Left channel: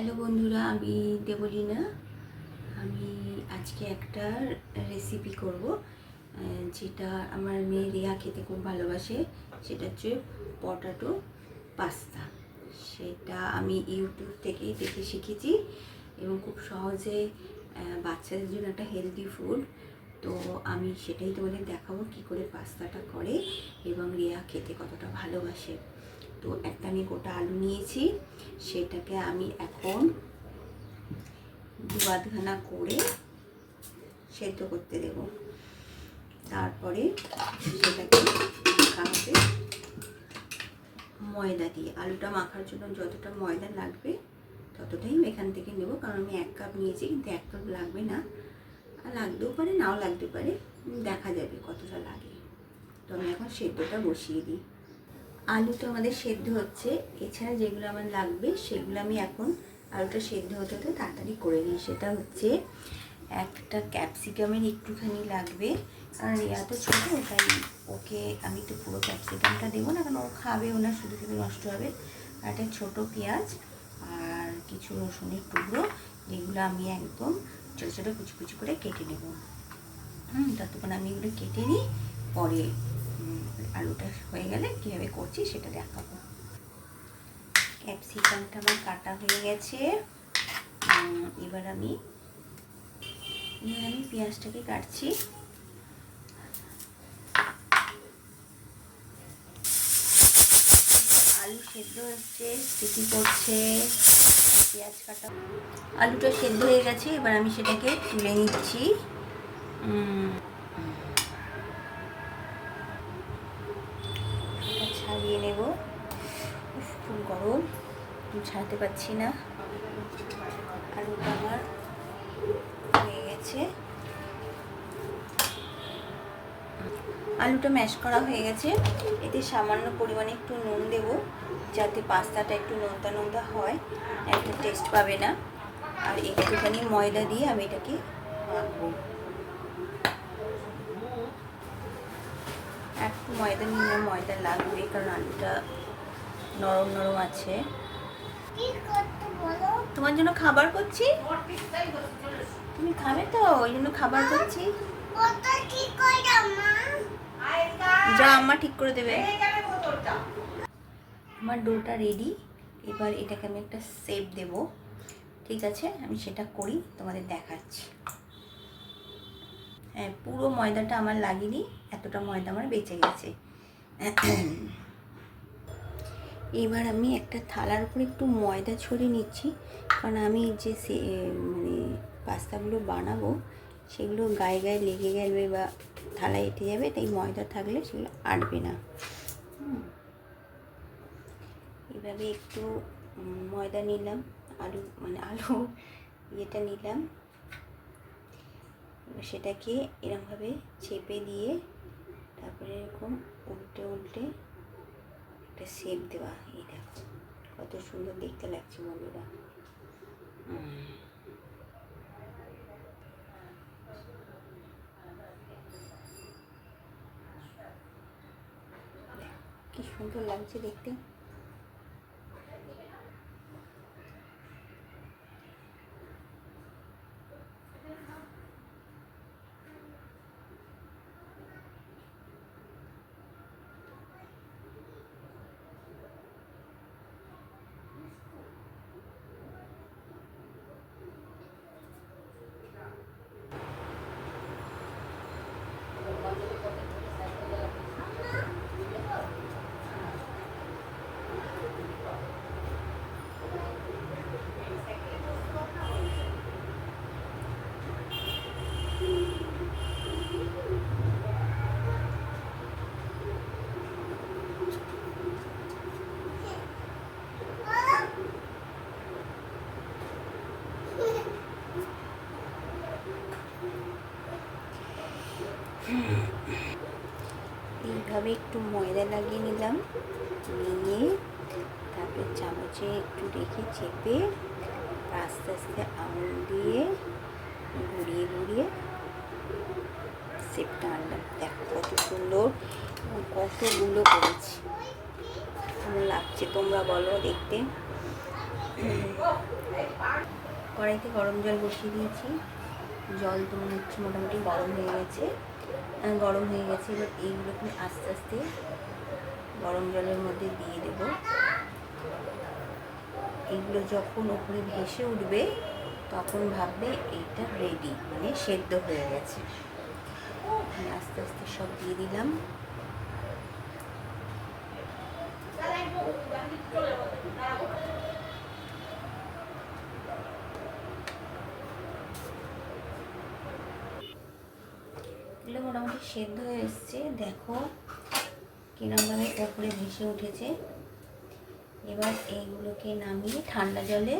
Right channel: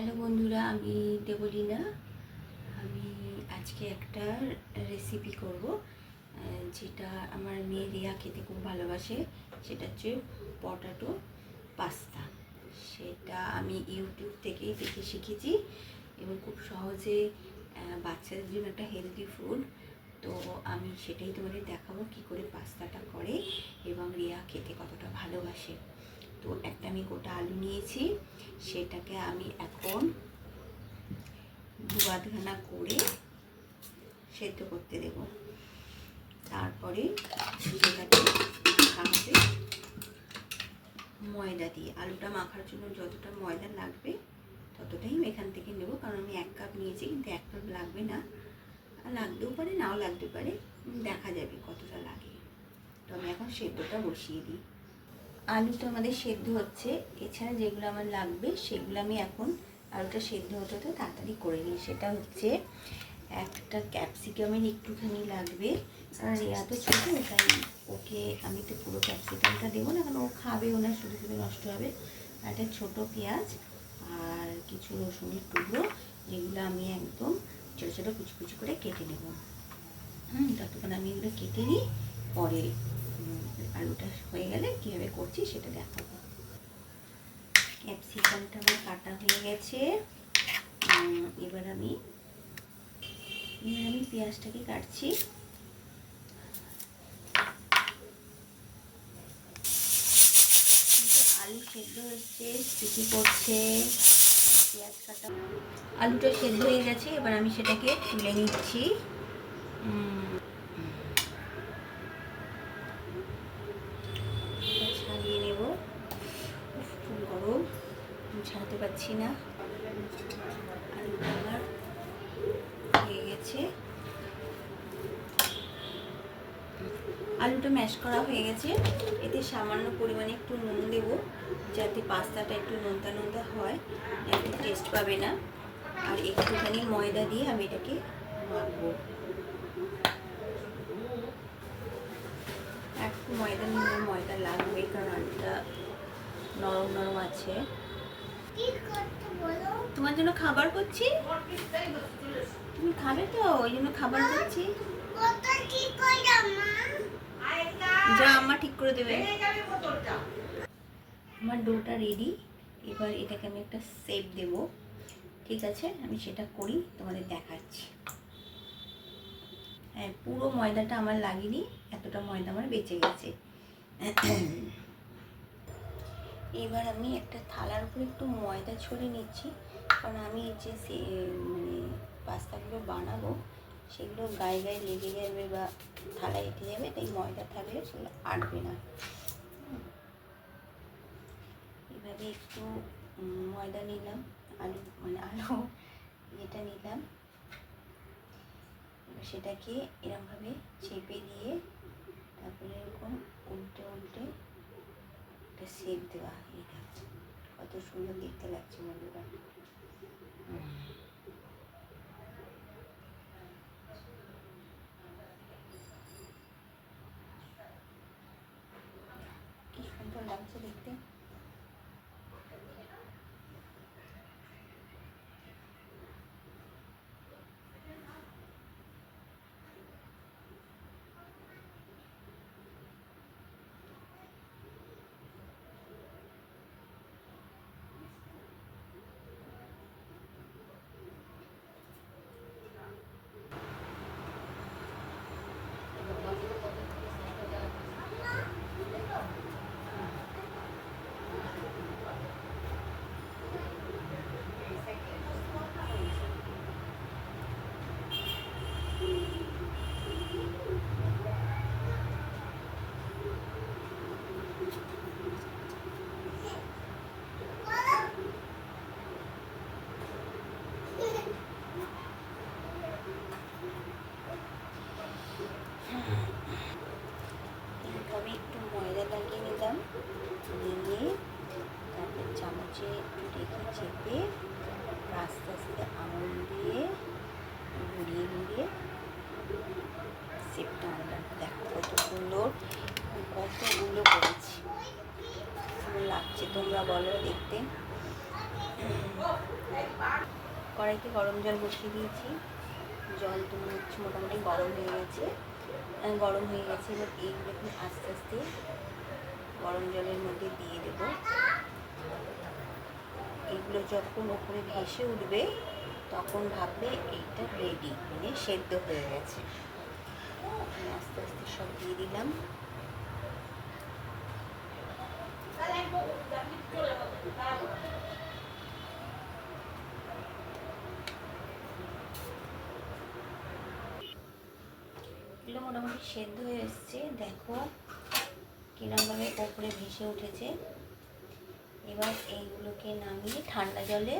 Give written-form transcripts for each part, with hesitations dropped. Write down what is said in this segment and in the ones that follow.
Hello বন্ধুরা, আমি দেবলীনা। আমি আজকে একটা রেসিপি করব যেটা আমার মেয়ে রিয়া খেতে খুব ভালোবাসে। সেটা হচ্ছে পটাটো পাস্তা। সেটা আমি ইউটিউব থেকেই দেখে শিখেছি এবং খুব সহজে বাচ্চাদের জন্য একটা হেলদি ফুড। তো আমি সেটাই তোমাদের দেখাবো কী করে পাস্তাটা করে এবং রিয়া খেতে কতটা ভালোবাসে। তো একটা আমি গোটা আলু নিয়েছি, সেটাকে আমি এখন দুবাদখানা করে সেদ্ধ করতে দেব। তারপরে সেটাকে মাখাতে ময়দা দিয়ে, আলুটা মাখার জন্য যতটা ময়দা লাগবে ততটাই এখান থেকে নেব, কারণ আমি 1 কাপ নিয়েছি, কিন্তু 1 কাপ লাগবে না, লাগতেও পারে নাও লাগতে পারে, দেখা যাবে কতটা লাগে। তো আমি এখন সেদ্ধটা বসিয়ে দিই। আলু তো আমাদের সেদ্ধ হচ্ছে, এছাড়া যেগুলো আমার লাগবে সেগুলো আমি এখন আলুটা সেদ্ধ হতে হতে তাড়াতাড়ি করে নিই। সেটা হচ্ছে একটা ক্যাপসিকামের একটুখানি লাগবে, কারণ রিয়া তো ছোটো, তাই ওকে আমি তো পুরো ক্যাপসিকামটা দেবো না, কারণ ও খাবেও না, শুধু শুধু নষ্ট হবে। আর একটা ছোটো পেঁয়াজ আর কিছু রসুনের টুকরো, যেগুলো আমি একদম ছোটো ছোটো কুচি কুচি করে কেটে নেব। ততক্ষণ আমি এগুলো কেটে নিই, পরে আলুটা হয়ে গেলে কীভাবে করছি সেটা দেখাবো। ক্যাপসিকামটা আমার কাটা হয়ে গেছে। এবার আমি পেঁয়াজটাকে কাটছি। আলু সেদ্ধ হচ্ছে, সিটি করছে, পেঁয়াজ কাটা, আলুটা সেদ্ধ হয়ে গেছে। এবার আমি সেটাকে তুলে নিচ্ছি। ছাড়িয়ে নেব, খুব গরম, ছাড়তে পারছি না। আলুটা আমার হয়ে গেছে, আলুটা ম্যাশ করা হয়ে গেছে। এতে সামান্য পরিমাণে একটু নুন দেব, যাতে পাস্তাটা একটু নোনতা নোনতা হয়, একটু টেস্ট পাবে না। আর একটুখানি ময়দা দিয়ে আমি এটাকে মাখবো। একটু ময়দা নিলে ময়দা লাগবে, কারণ আলুটা নরম নরম আছে। তোমার জন্য খাবার করছি, তুমি খাবে তো, ওই জন্য খাবার করছি। যা আম্মা ঠিক করে দেবে। আমার ডোটা রেডি। এবার এটাকে আমি একটা শেপ দেব, ঠিক আছে? আমি সেটা করি, তোমাদের দেখাচ্ছি। হ্যাঁ, পুরো ময়দাটা আমার লাগেনি, এতটা ময়দা আমার বেঁচে গেছে। এবার আমি একটা থালার উপরে একটু ময়দা ছড়িয়ে নিচ্ছি, কারণ আমি যে মানে পাস্তাগুলো বানাবো সেগুলো গায়ে গায়ে লেগে যাবে বা থালায় এঁটে যাবে, তাই ময়দা থাকলে সেগুলো আটবে না। এভাবে একটু ময়দা নিলাম, আলু ইয়েটা নিলাম, সেটাকে এরকমভাবে চেপে দিয়ে তারপরে এরকম উল্টে উল্টে একটা শেপ দেওয়া। এই দেখো কত সুন্দর দেখতে লাগছে বন্ধুরা। কি সুন্দর লাগছে দেখতে। এইভাবে একটু ময়দা লাগিয়ে নিলাম, নিয়ে তারপর চামচে একটু রেখে চেপে আস্তে আস্তে আঙুল দিয়ে ঘুরিয়ে ঘুরিয়ে শেপটা আনলাম। দেখো কত সুন্দর, কতগুলো করেছি, কেমন লাগছে তোমরা বলো দেখতে। কড়াইতে গরম জল বসিয়ে দিয়েছি। জল তো মনে হচ্ছে মোটামুটি গরম হয়ে গেছে। এবার এইগুলোকে আস্তে আস্তে গরম জলের মধ্যে দিয়ে দেবো। এগুলো যখন ওপরে ভেসে উঠবে তখন ভাববে এইটা রেডি, মানে সেদ্ধ হয়ে গেছে। আস্তে আস্তে সব দিয়ে দিলাম। এগুলো মোটামুটি সেদ্ধ হয়ে এসছে, দেখো কিরমভাবে ওপরে ভেসে উঠেছে। এবার এইগুলোকে নামিয়ে ঠান্ডা জলে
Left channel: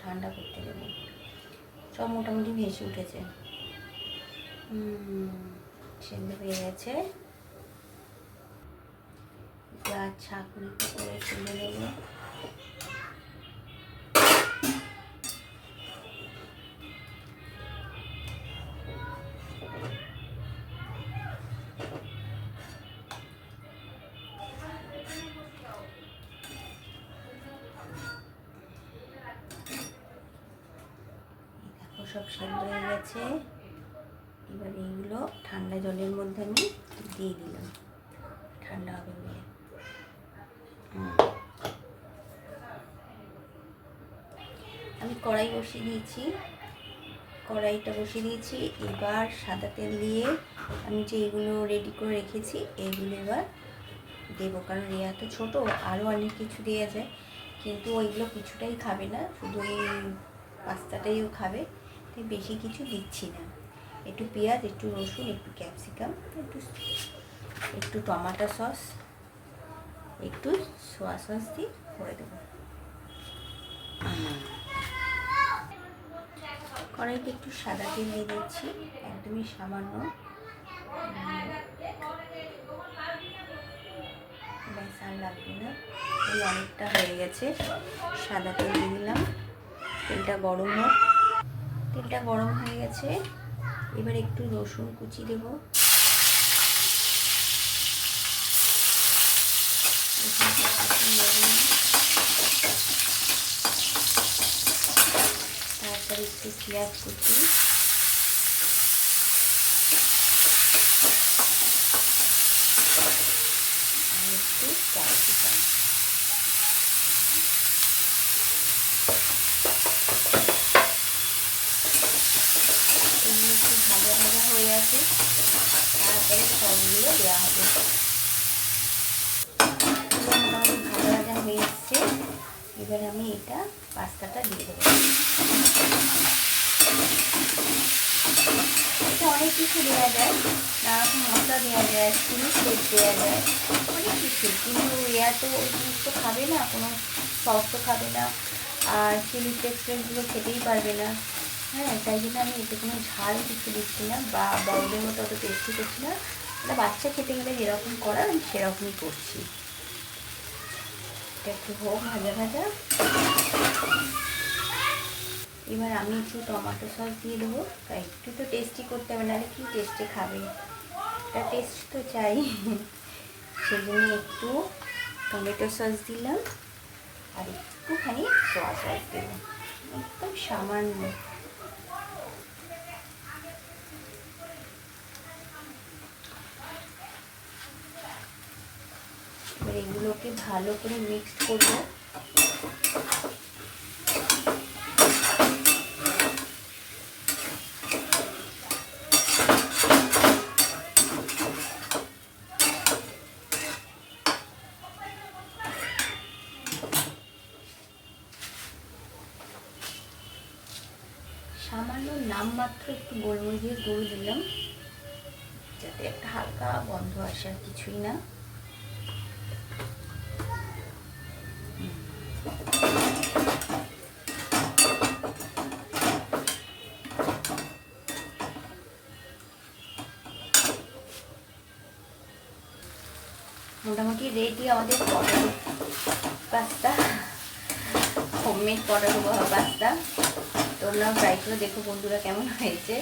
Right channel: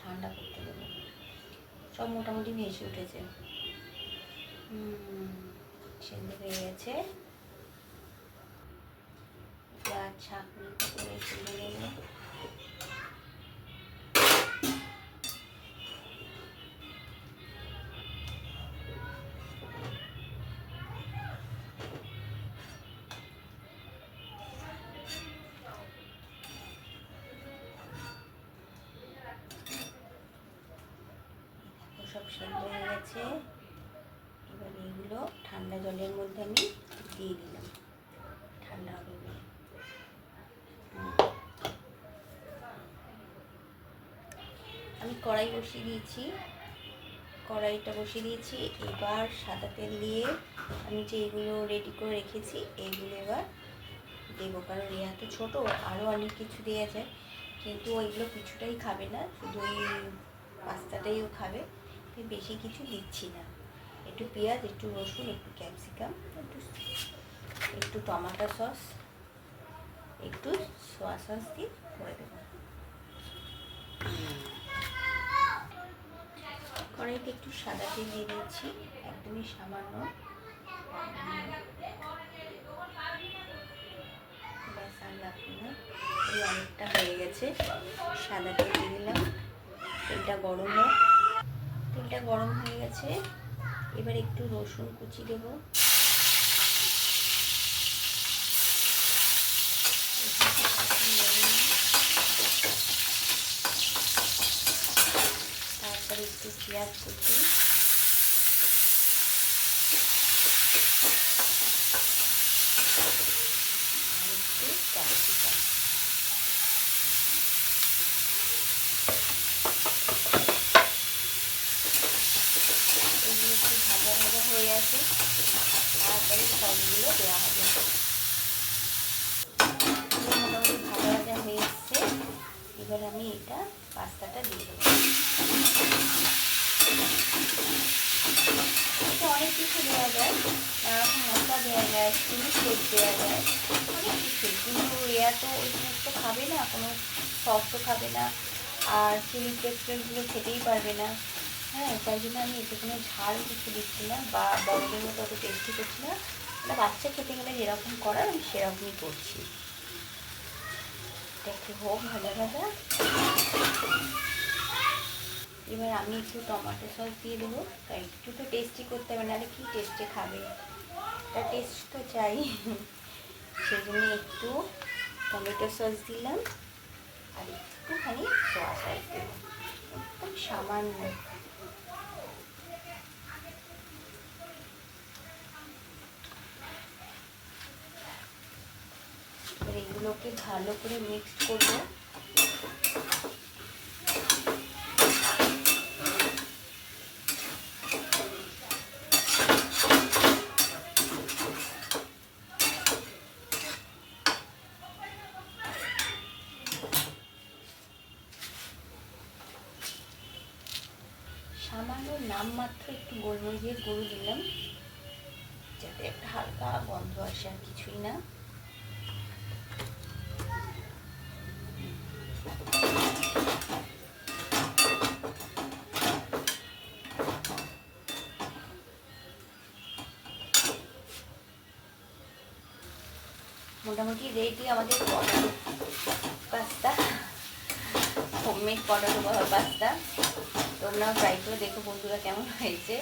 ঠান্ডা করতে দেবো। সব মোটামুটি ভেসে উঠেছে, সেদ্ধ হয়ে গেছে। যা ছাঁকনিতে করে তুলে নেব। সব সেদ্ধ হয়ে গেছে। এবার এইগুলো ঠান্ডা জলের মধ্যে আমি দিয়ে দিলাম, ঠান্ডা হবে বলে। আমি কড়াই বসিয়ে দিয়েছি, এবার সাদা তেল দিয়ে আমি যে এগুলো রেডি করে রেখেছি এইগুলো এবার দেবো। কারণ রিয়া তো ছোটো, আরও অনেক কিছু দেওয়া যায়, কিন্তু ওইগুলো কিছুটাই খাবে না, শুধু ওই পাস্তাটাইও খাবে, তাই বেশি কিছু দিচ্ছি না। একটু পেঁয়াজ, একটু রসুন, একটু ক্যাপসিকাম, একটু টমেটো সস, একটু সোয়া সস দিয়ে করে দেবো। কড়াইতে একটু সাদা তেল দিয়ে দিচ্ছি, একদমই সামান্য, ব্যাস আর লাগবে না। এই অনেকটা হয়ে গেছে। সাদা তেল দিয়ে দিলাম, তেলটা গরম হয়ে গেছে। এবার একটু রসুন কুচি দেব, তারপরে একটু পেঁয়াজ কুচি, আর একটু ক্যাপসিকাম। এগুলো একটু ভাজা হয়ে আছে, তারপরে সবগুলো দেওয়া হবে। মোটামুটি ভাজা হয়ে এসছে। এবার আমি এটা পাস্তাটা দিয়ে দেবো। এটা অনেক কিছু দেওয়া যায়, নানারকম মশলা দেওয়া যায়, চিলি ফ্লেক্স দেওয়া যায়, অনেক কিছু। কিন্তু এরা তো ওই সমস্ত খাবে না, কোনো সস তো খাবে না, আর চিলি ফ্লেক্সগুলো খেতেই পারবে না। হ্যাঁ, তাই জন্য আমি এতে কোনো ঝাল কিছু দিচ্ছি না, বা বড়দের মতো অত টেস্টি করছি না। এটা বাচ্চা খেতে গেলে যেরকম করার আমি সেরকমই করছি। এটা একটু হোক ভাজা। এবার আমি একটু টমেটো সস দিয়ে দেবো, একটু তো টেস্টি করতে হবে, নাহলে কি টেস্টে খাবে, এটা টেস্ট তো চাই। সেই জন্য একটু টমেটো সস দিলাম, আর একটুখানি সোয়া সস দেবো, একদম সামান্য। এবার এগুলোকে ভালো করে মিক্স করবো। সামান্য নামমাত্র একটু গোলমরিচের গুঁড়ো দিলাম, যাতে একটা হালকা গন্ধ আসে, আর কিছুই না। মোটামুটি রেডি আমাদের potato pasta, homemade potato pasta. তোমরাও ট্রাই করে দেখো বন্ধুরা কেমন হয়েছে।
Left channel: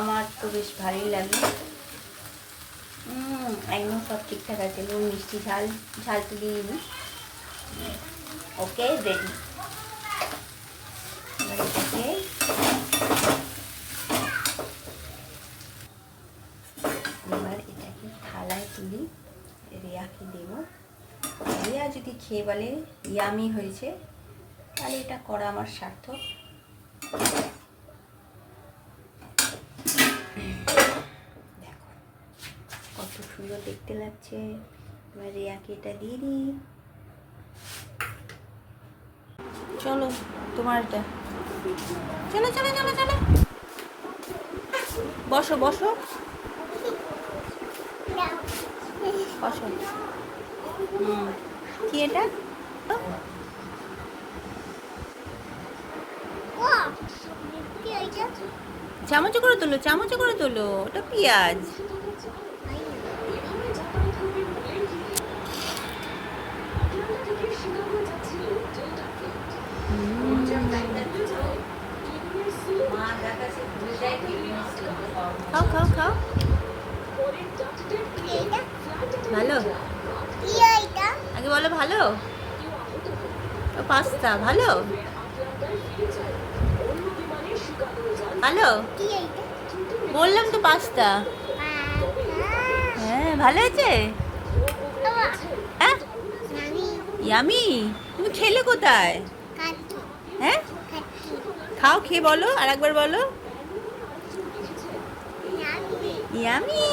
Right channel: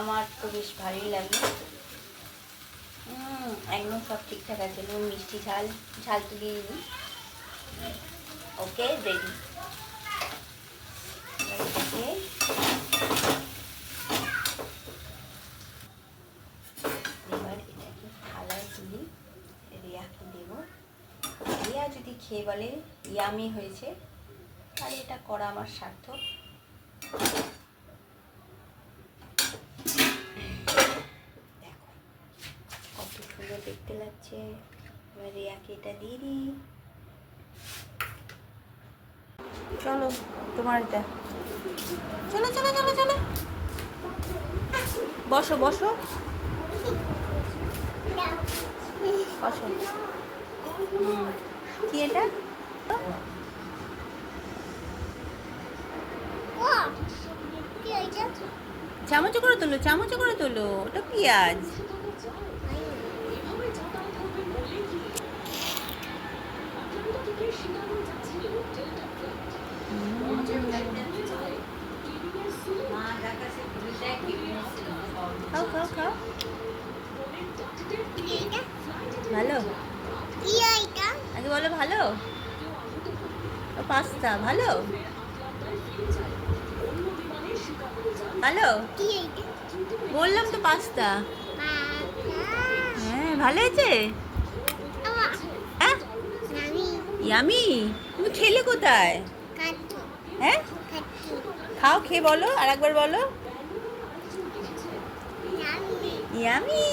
আমার তো বেশ ভালোই লাগে। একদম সব ঠিকঠাক আছে, নুন মিষ্টি ঝাল তো দিইনি। ওকে, রেডি। খেয়ে বলে ইয়ামি হয়েছে, তাহলে এটা করা আমার সার্থক। দেখো কত সুন্দর দেখতে লাগছে। এবার রিয়াকে এটা দিয়ে দিই। চলো তোমার এটা, চলো চলো চলো চলো, বসো বসো বসো। কি এটা? চামচে করে তোলো, চামচে করে তোলো, ওটা পেঁয়াজ। খাও খাও খাও, ভালো? আগে বলো ভালো। পাস্তা ভালো, ভালো বললাম তো, পাস্তা। হ্যাঁ ভালো হয়েছে। হ্যাঁ ইয়ামি, তুমি খেলে কোথায়? হ্যাঁ খাও, খেয়ে বলো, আর একবার বলো ইয়ামি।